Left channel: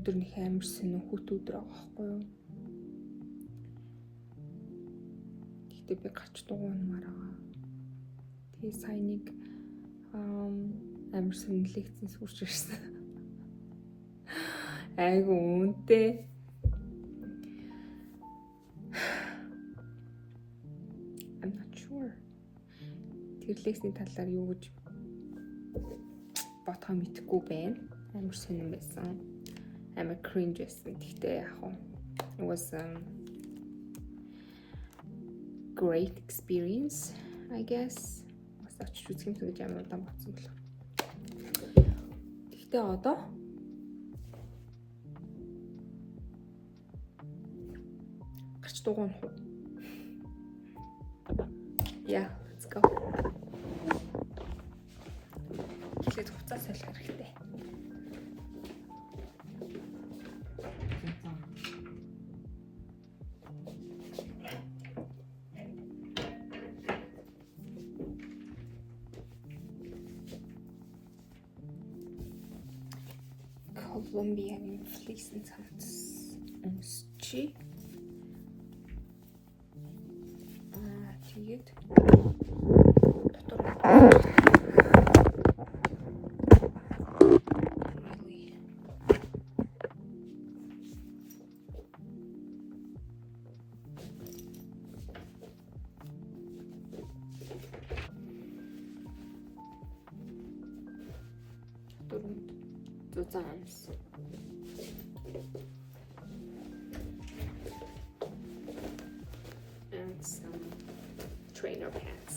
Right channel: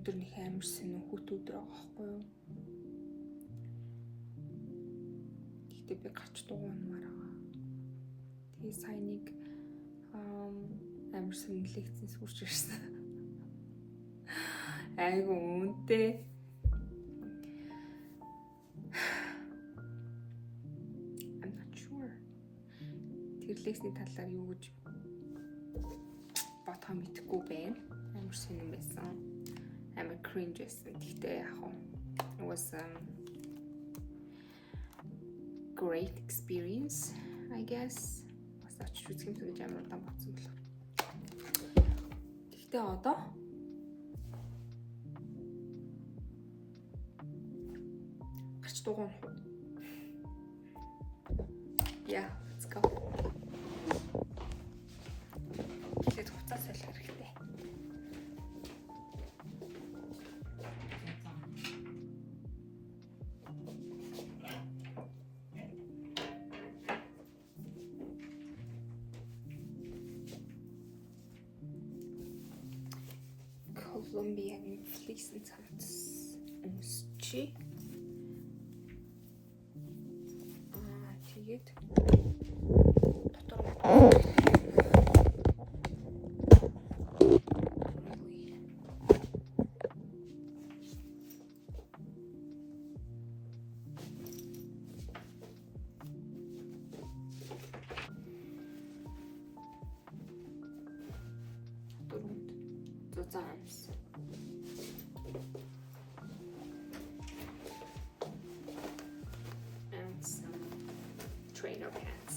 өндөр нэг амар сонир хөтүүд байгаа байхгүй юу? Гэхдээ би гарч дугуймаар байгаа. Тэгээ сайн нэг амар сонир лекцэн сурч ирсэн. Айгу үнэтэй. I'm not sure. Тэр лекцийн талаар юу гэж бодхоо мэдэхгүй байна. Амар сонир байсан. Амар cringe байсан. Гэхдээ яг хөө it was great experience, I guess. Бас очиж үзэх юм гэж амар удаан бодсон болов. Гэхдээ одоо гарч дугуйх уу? Yeah, let's go. Тэгээд хуцаа солих хэрэгтэй. Colombian fleecen цамц өмсчи. Тэгээд дотор зузаамс. And some trainer pants.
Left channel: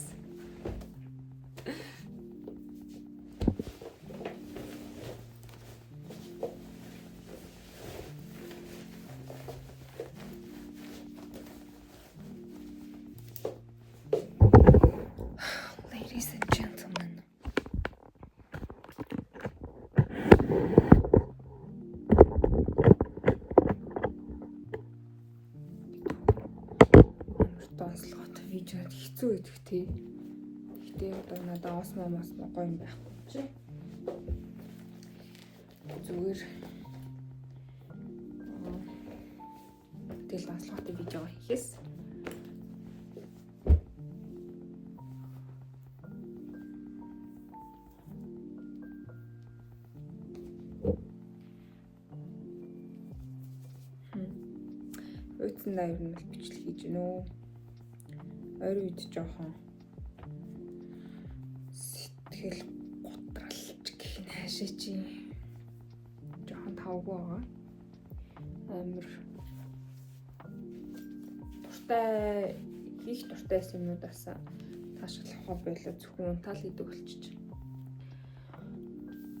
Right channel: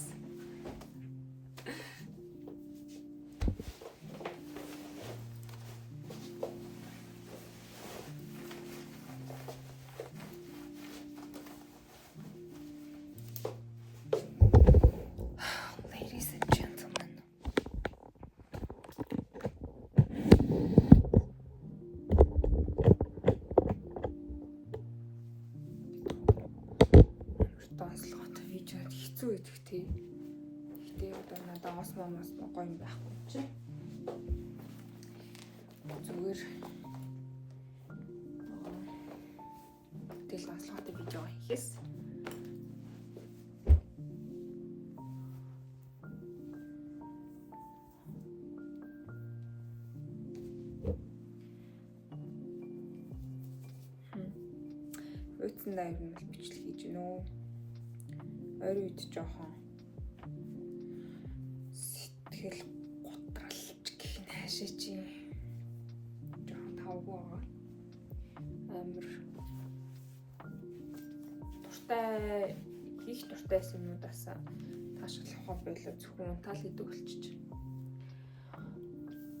Ladies and gentlemen. Донслогот видеод хэцүү идэх тий. Гэтэ одоо надад осмоо гоё юм байхгүй чи. Зүгээр тэгэл донслогот видео хийхээс үтсэн даяр нь бичлэг хийж гинөө. Ойр үед жоохон сэтгэл готралж гэх нь хаашаа чи жоохон тавгүй байгаа. Амар дуртай хийх дуртай юмнуудаас таашаалах байлаа зөвхөн тал хийдэг болчих.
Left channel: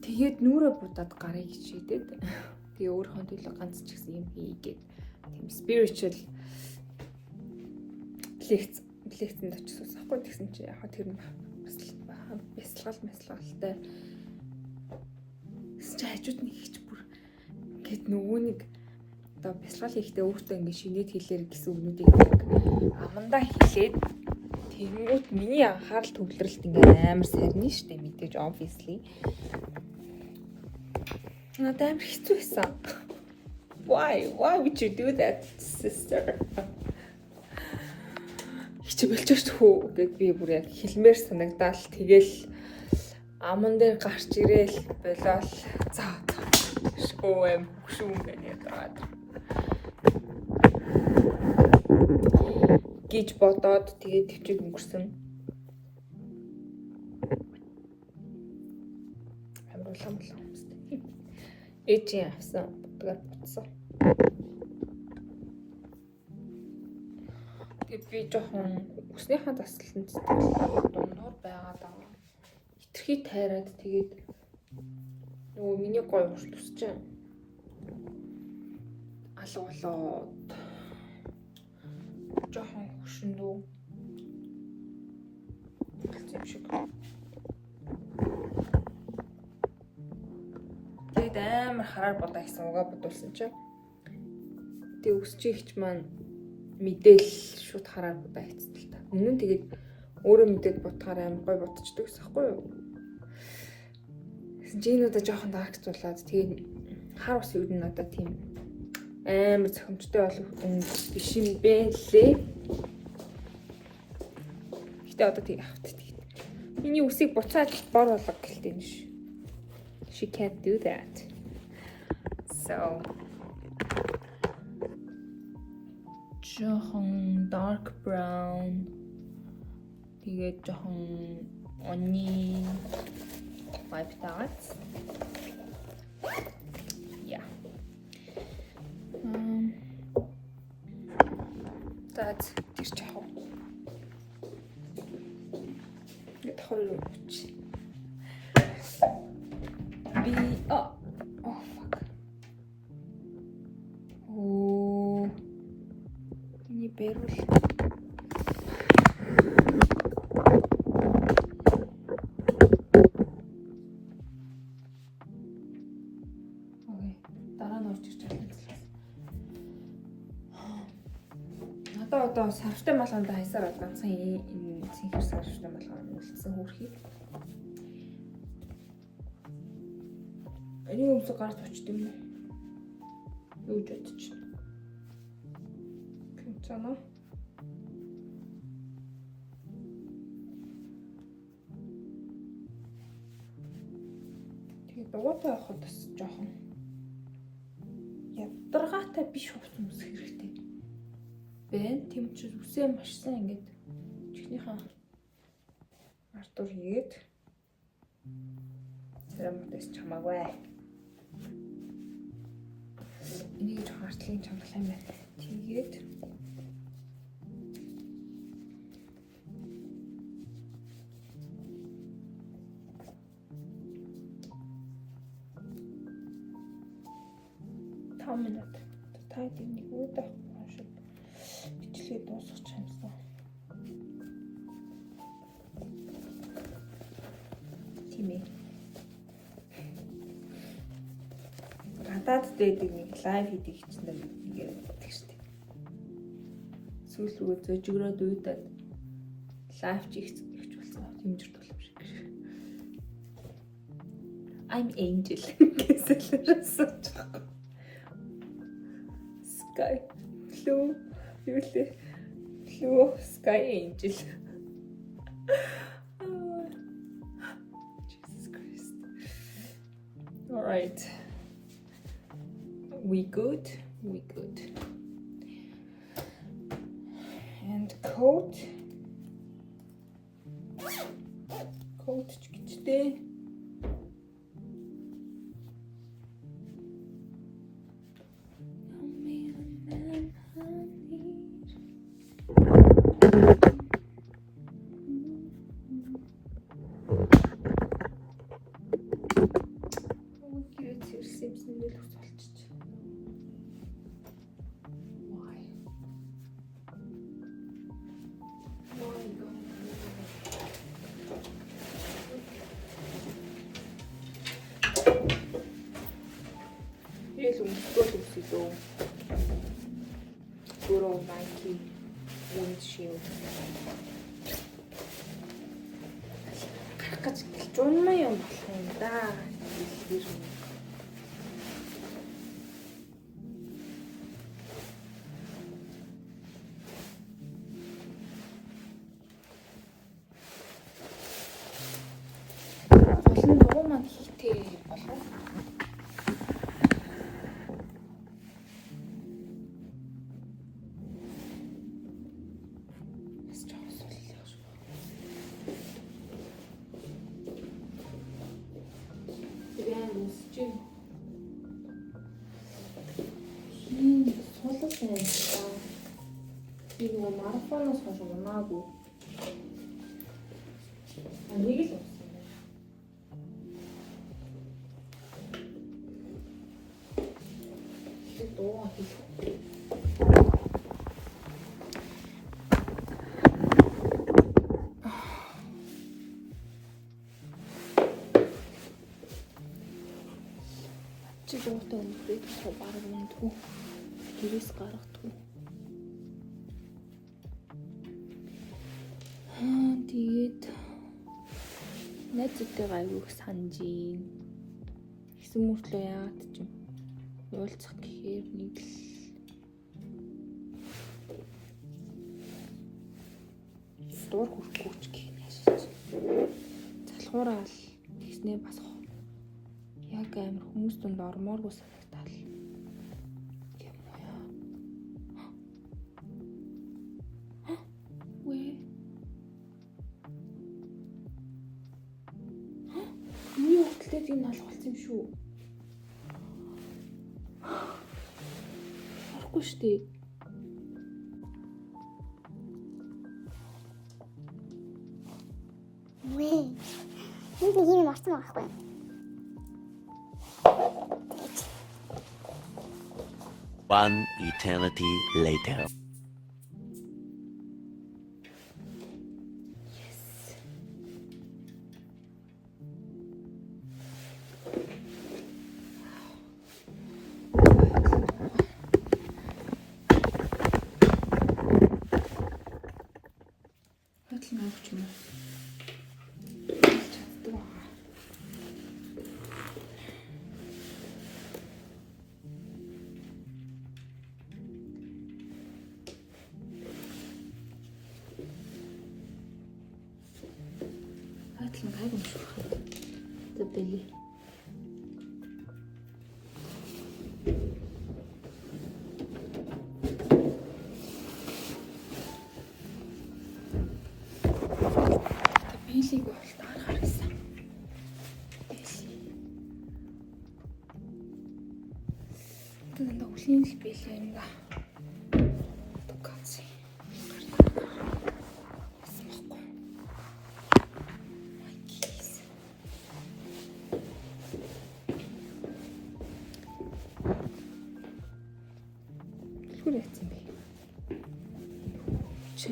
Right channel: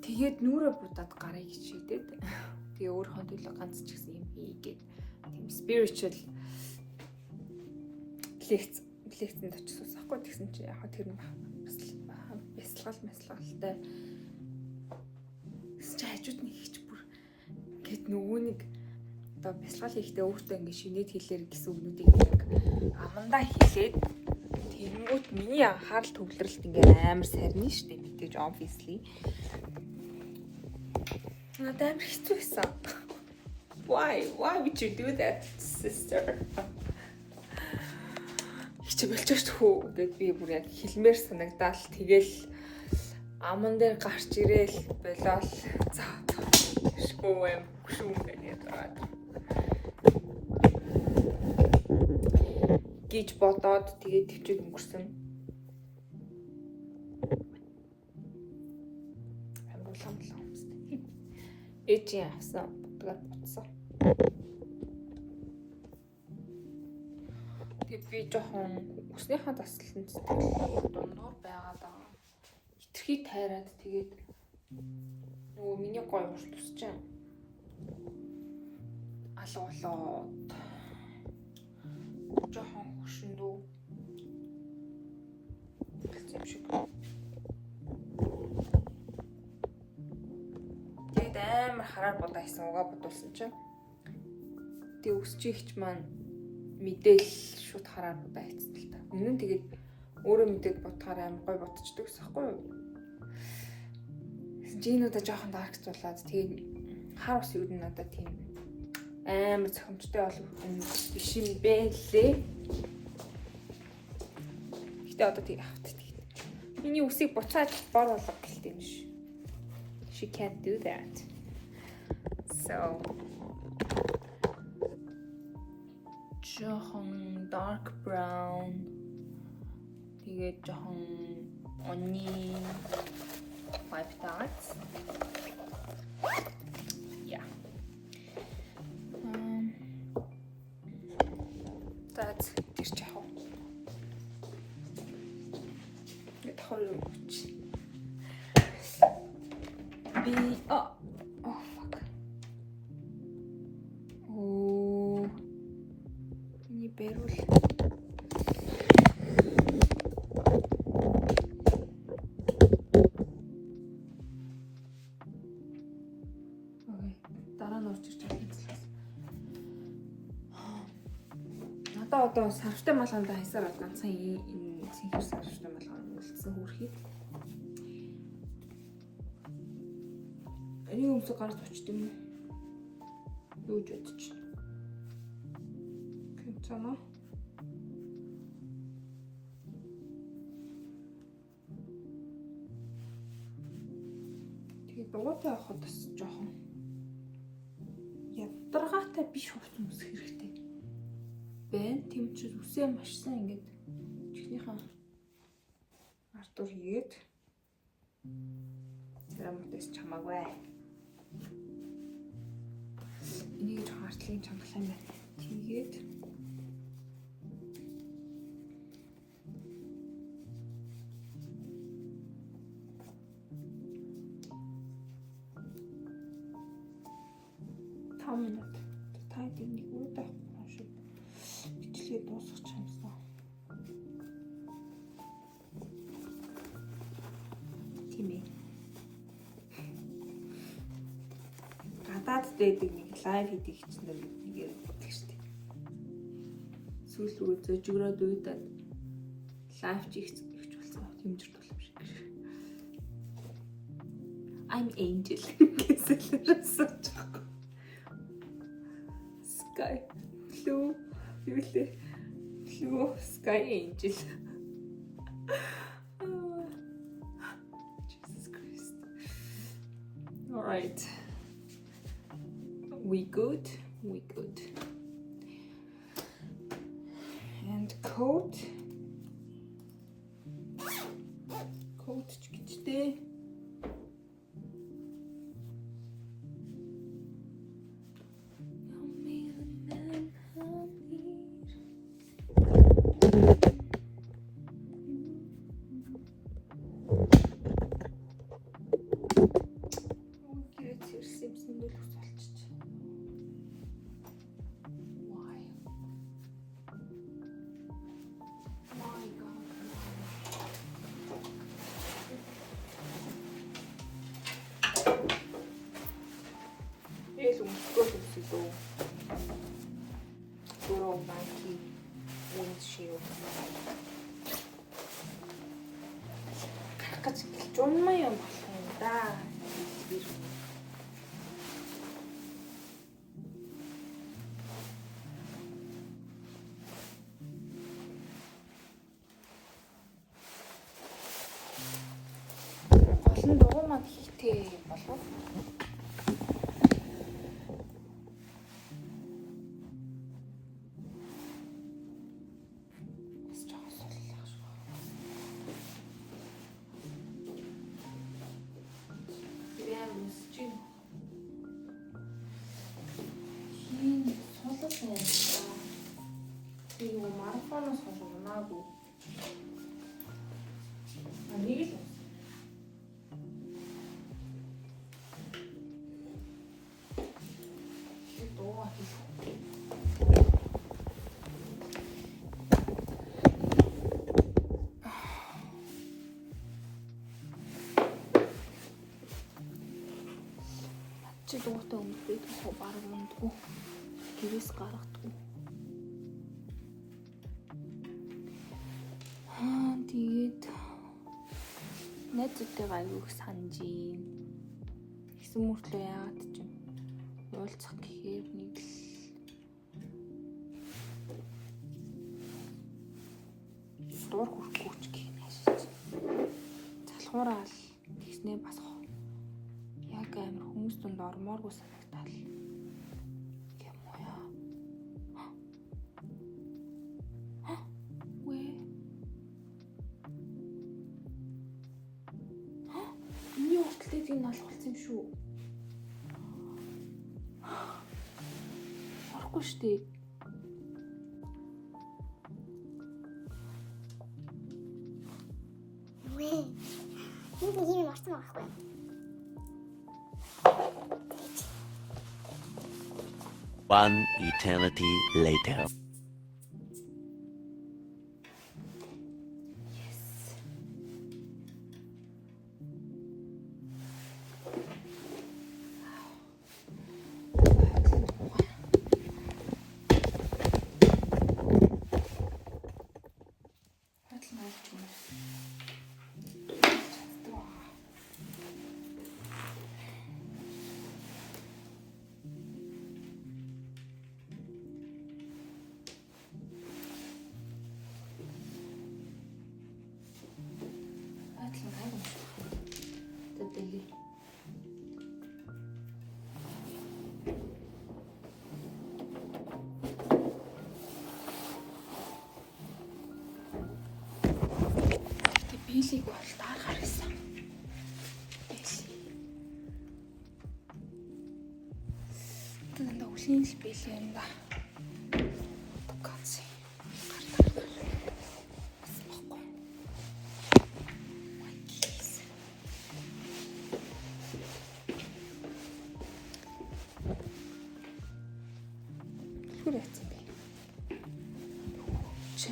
Тэгээд нүрэ будаад гарыг хичээдэг. Тэгээ өөрийнхөө төлөө ганц ч гэсэн юм хийгээд тийм spiritual лекцэнд очиж суухгүй тэгсэн чи яг тэр нь бясалгалтай чи хажууд нэг ихч бүр ингээд нөгөө нэг одоо бясалгал хийхдээ өөртөө ингээд шинээд хэлээр гэсэн үгнүүдийг амандаа хэлээд тэнгуут миний анхаарал төвлөрөлт ингээд амар сарни штэ мэдээж obviously надад амар хэцүү байсан. Why would you do that, sister? Хичээ болчихш хөө гэд би бүр яг хэлмээр санагдаал тэгэл аман дээр гарч ирээл болол за шүүм гэдэг гэж бодоод тэгээд төвчөд өнгөрсөн. Амар улаан юмстэй. Эжийн авсан бодгаар буцсан. Тэгээд би жоохон өснийхаа таслалтанд дундуур байгаад байгаа. Хитрхи тайраад тэгээд нөгөө миний гоё урт тусч алуулаад жоохон хөшөндөө юм шиг. Тэгээд амар хараар бодоо хийсэн угаа бодуулсан чинь тэгээд өсчихч маань мэдээл шууд хараар бодоо хийсэн л та. Өмнө нь тэгээд өөрөө мэдээд бодохоор амар гоё бодчихдаг гэсэн байхгүй юу? Жинуудаа жоохон даркцуулаад тэгээд хар ус юу надад тийм амар цохимжтой болох биш юм бэ лээ. Гэтэ одоо тийм авт. Миний үсийг буцаад бор болгох гэлтэй юм ш. She can't do that. So жохон dark brown. Тэгээд жохон onion like that. Yeah. That's тэр чахав. Гэт хоёр үуч. Oh fuck. Oh. Миний бэрүүл. Одоо сарвтай малганд хайсаар ганцхан энэ цэнхэр сарвтай малганд үлдсэн хөрхий. Энийг өмсөг гарч очт юм уу? Юу ч бодож. Кэнцана. Тэгээд дугуйтай явахад бас жоохон ядаргаатай биш хувцас өмсөх хэрэгтэй. Тийм ч үсээ машсан ингээд чихнийхээ артур хийгээд церамтес чамаагүй. Энийг ч хартлын чангалах юм байна. Тэгээд минут тайд нэг үедээ шиг бичлэгээ дуусгах юмсан. Тийм ээ. Гадаад дэдэг нэг лайв хийдэг чинь нэг ярьдаг штеп. Сүүл рүү зөжгөрөөд уудаад лайв хийх болсон. Хэмжирт болох шиг. I'm angel гэсэн. Sky blue blue sky angel. Oh, Jesus Christ. All right. We good. And coat ч гэжтэй. Puro Nike windshield. Гарах гэж жумаа юм болох юм да. Олон дугуй маань хийтэй болов. 이거 마라톤에서 원하고 아니 이게 없어. 이게 너무 дууртай өмсөй тоо бараг ундгүй гэрээс гаргадгүй. Тэгээд найзуудтайгаа аюух санаж ийн. Хэсэг мөртлөө яагаад ч юм уулзах гэхээр нэг л дуур хүрхгүйч гэх юм яашиж. Залхуураа л тэгснээ бас яг амар хүмүүс дунд ормооргүй санагдал. Юм уу яа. Вэ? Миний хөдөлтөд юм алхуулсан юм шүү. Орохгүй штэ. Вэ? Нэг юм орсон байхгүй. One eternity later. Бийлийг бол даар гаргасан. Тэгээд өлийн л бийлээ юм да. Тукац. Түр яцсан бэ? Чи.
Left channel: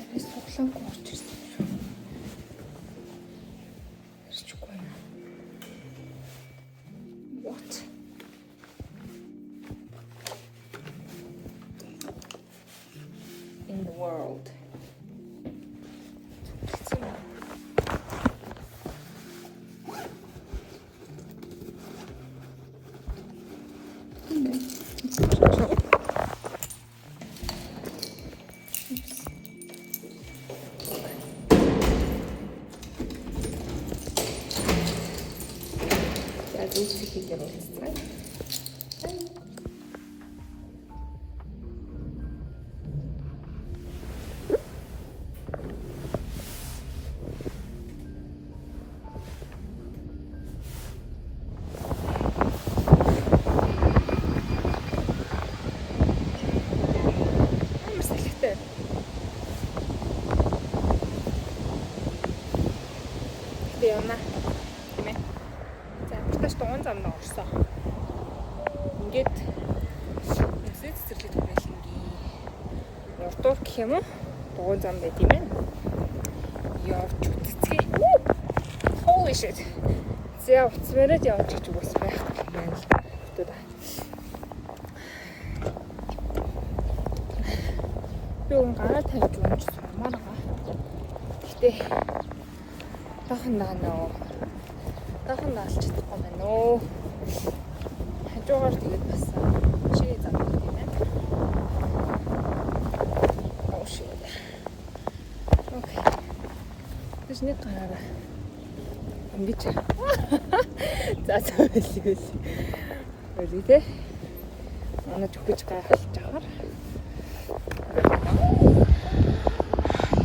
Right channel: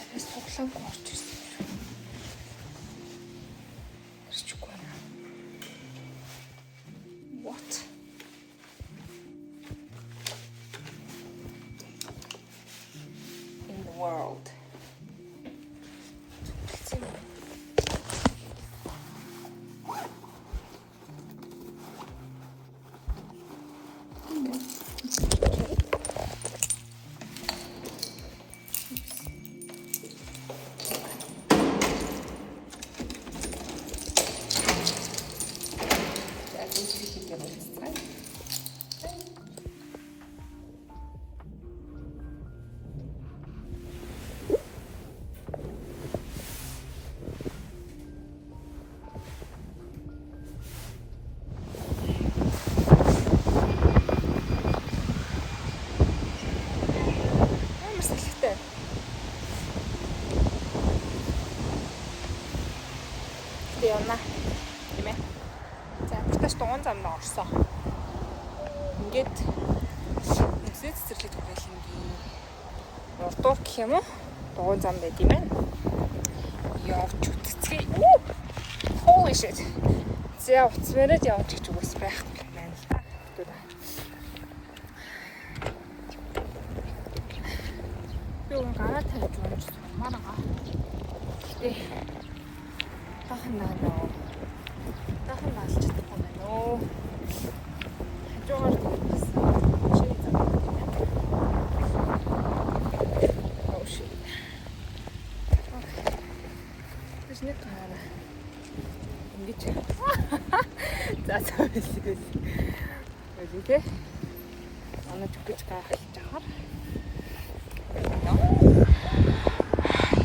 Арай суглаан гооч. What? In the world? Хийхээр уулзцай. Амар салхитай. Гэтэ явна. Тийм ээ. За, бүртээс дугуун замд орсон. Ингээд нэгсээ цэцэрлэг байлинги. Урдуур гэх юм уу? Дугуун зам байд юм байна. Явж үтцгээ. Holy shit. За, уцмараад явж гэж үгүйс байх юм байна. Хөтөд. Юу гараа тавьж унж сурмаар байгаа. Гэтэ тахандаа нөө. Тахан алж чадахгүй байна өө. Хажуугаар тэгээд бас машины зам гэдэг юм байна. Окей. Тэс нэг гараа. Ингэж. За зөвлөс. Үлээ. Манай зүгэж гайхаж байгаа.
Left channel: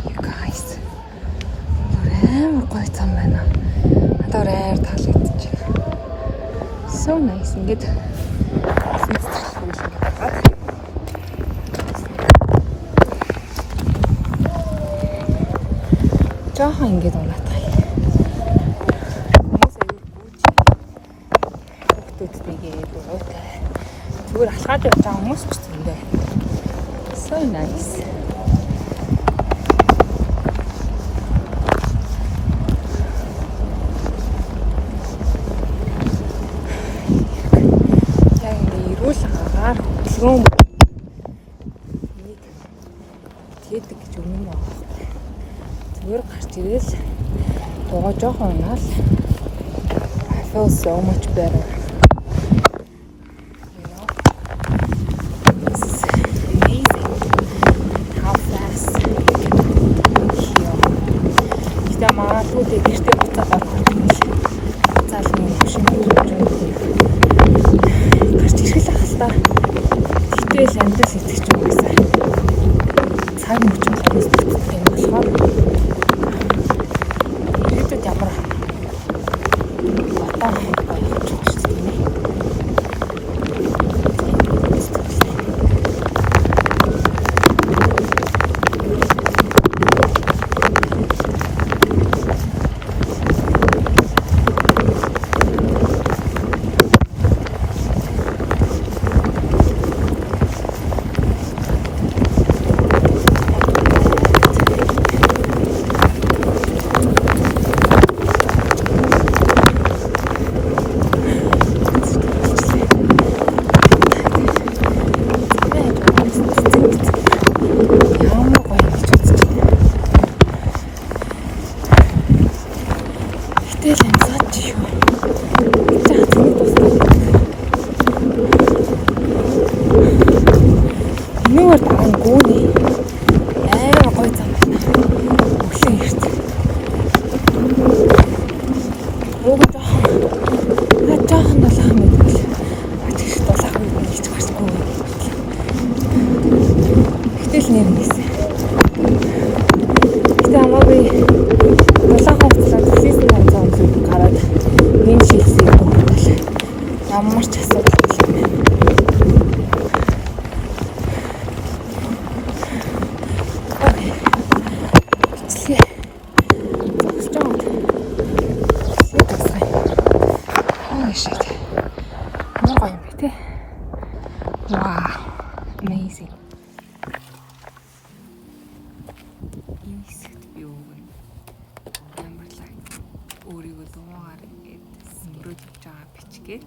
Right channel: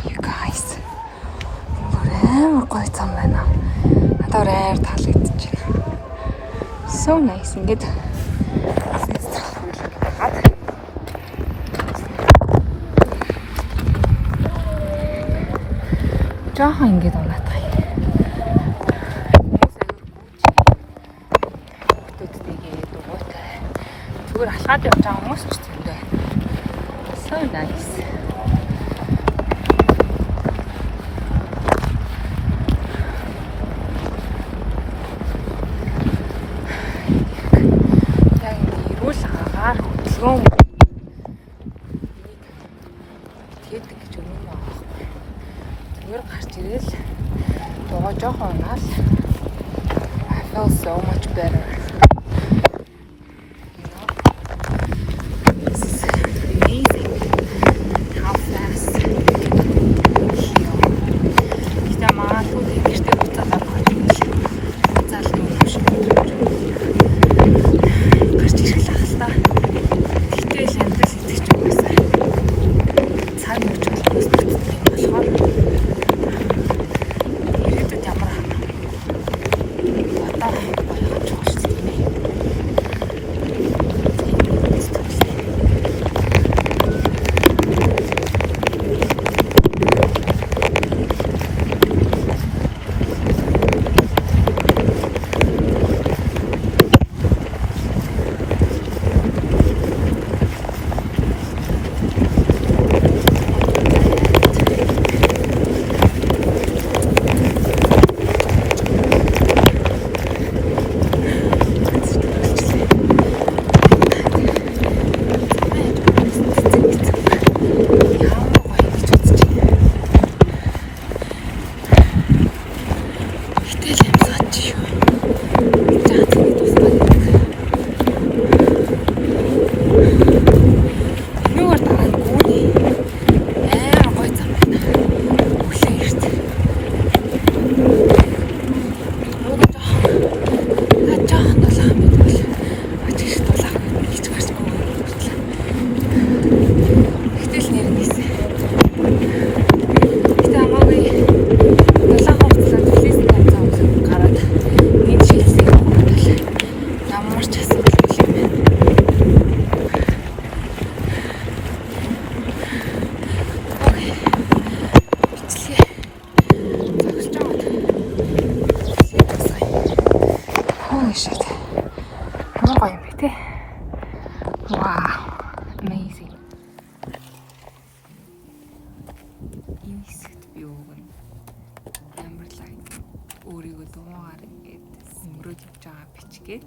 You guys. Амар гоё зам байна. Надад амар таалагдчихж байна. So nice. Ингээд жаахан ингээд унаатай. Хүүхдүүдтэйгээ дугуйтай. Зүгээр алхаад явж байгаа хүмүүс ч зөндөө. So nice. Хөдөлгөөн нэг тэгдэг гэж өмнө байгаа. Зүгээр гарч ирэл дугаа жоохон унаал. I feel so much better. надад amazing. Энэ хэсэгт би өвгөн амар лайк өөрийгөө дуугаар ингээд өнгөрөөж явж байгаа бичгээд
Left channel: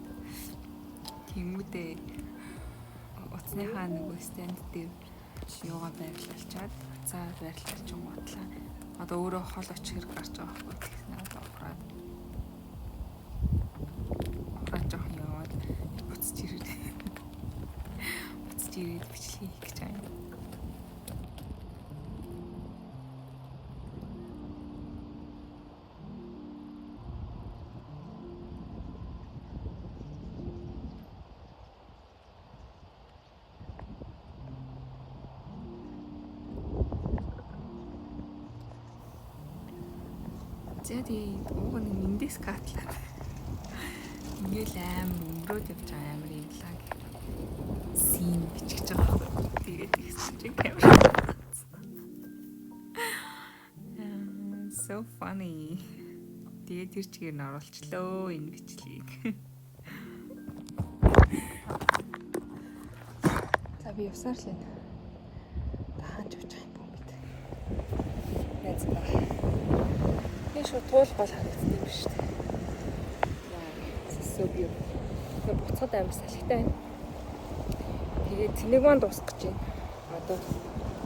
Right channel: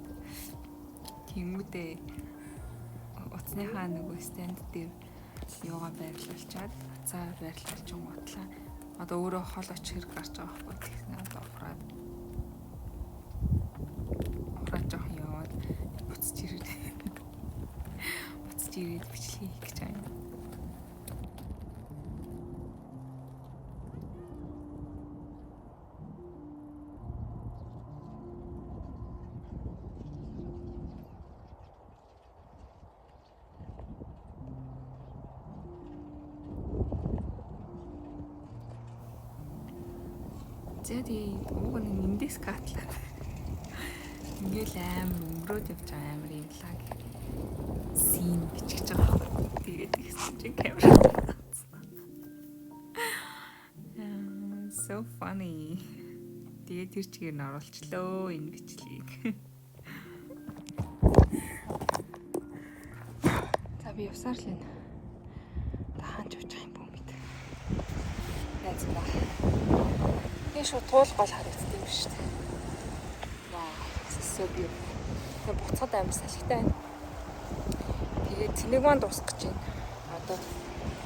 тэмүүдээ утасныхаа нөгөө стенд дээр юугаа байрлуулчаад цаа байрлуулж гутлаа. Одоо өөрөө хол очих хэрэг гарч байгаа байхгүй гэсэн одоо ухраад жоох яваад буцаж ирээд бичлэгийг хийх гэж байна. Тэгээд уг нь индекс катлаа. Ингээл амар өнгөрөөд явж байгаа амар юм лаг син бичиж байгаа байхгүй. Тэгээд ихсэн чинь камера. So funny. Тэгээд тэр чигээр нь оруулчлаа энэ бичлэгийг. За би явсаар л байна. Таанч явж байгаа юм бүү мэд. Найз байна. Энэ шууд туул гол харагдсан юм шүү дээ. So beautiful. Тэгээ буцаад амар салхитай байна. Тэгээд цэнийг маань дуусгах гэж байна. Одоо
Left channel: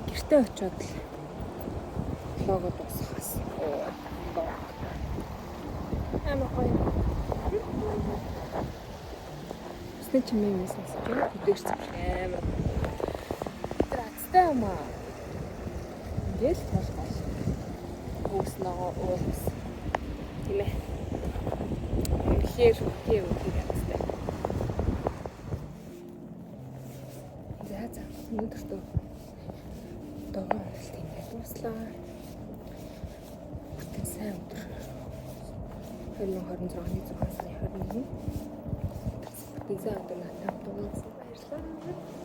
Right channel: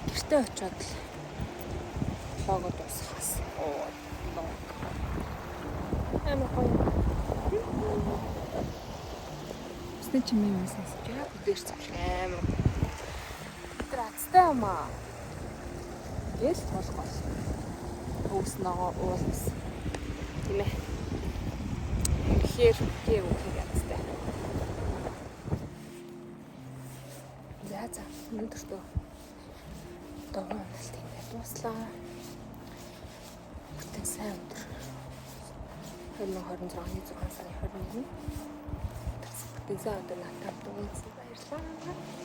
гэртээ очиод лого дуусгахаас. Амар гоё. Усны чимээ юмсаас тэгээд өдөрч амар. Тэр азтай юм аа. Гэл болгоо. Өөс нөгөө уулс. Тийм ээ. Үнэхээр язтай. За өнөөдөр догоо уналт ингээд дуслаа. Бүтэн сайн өдөр. 2026-ны 6 сарын 21. Бүтэн сайн өдөр надад дууссан баярлалаа.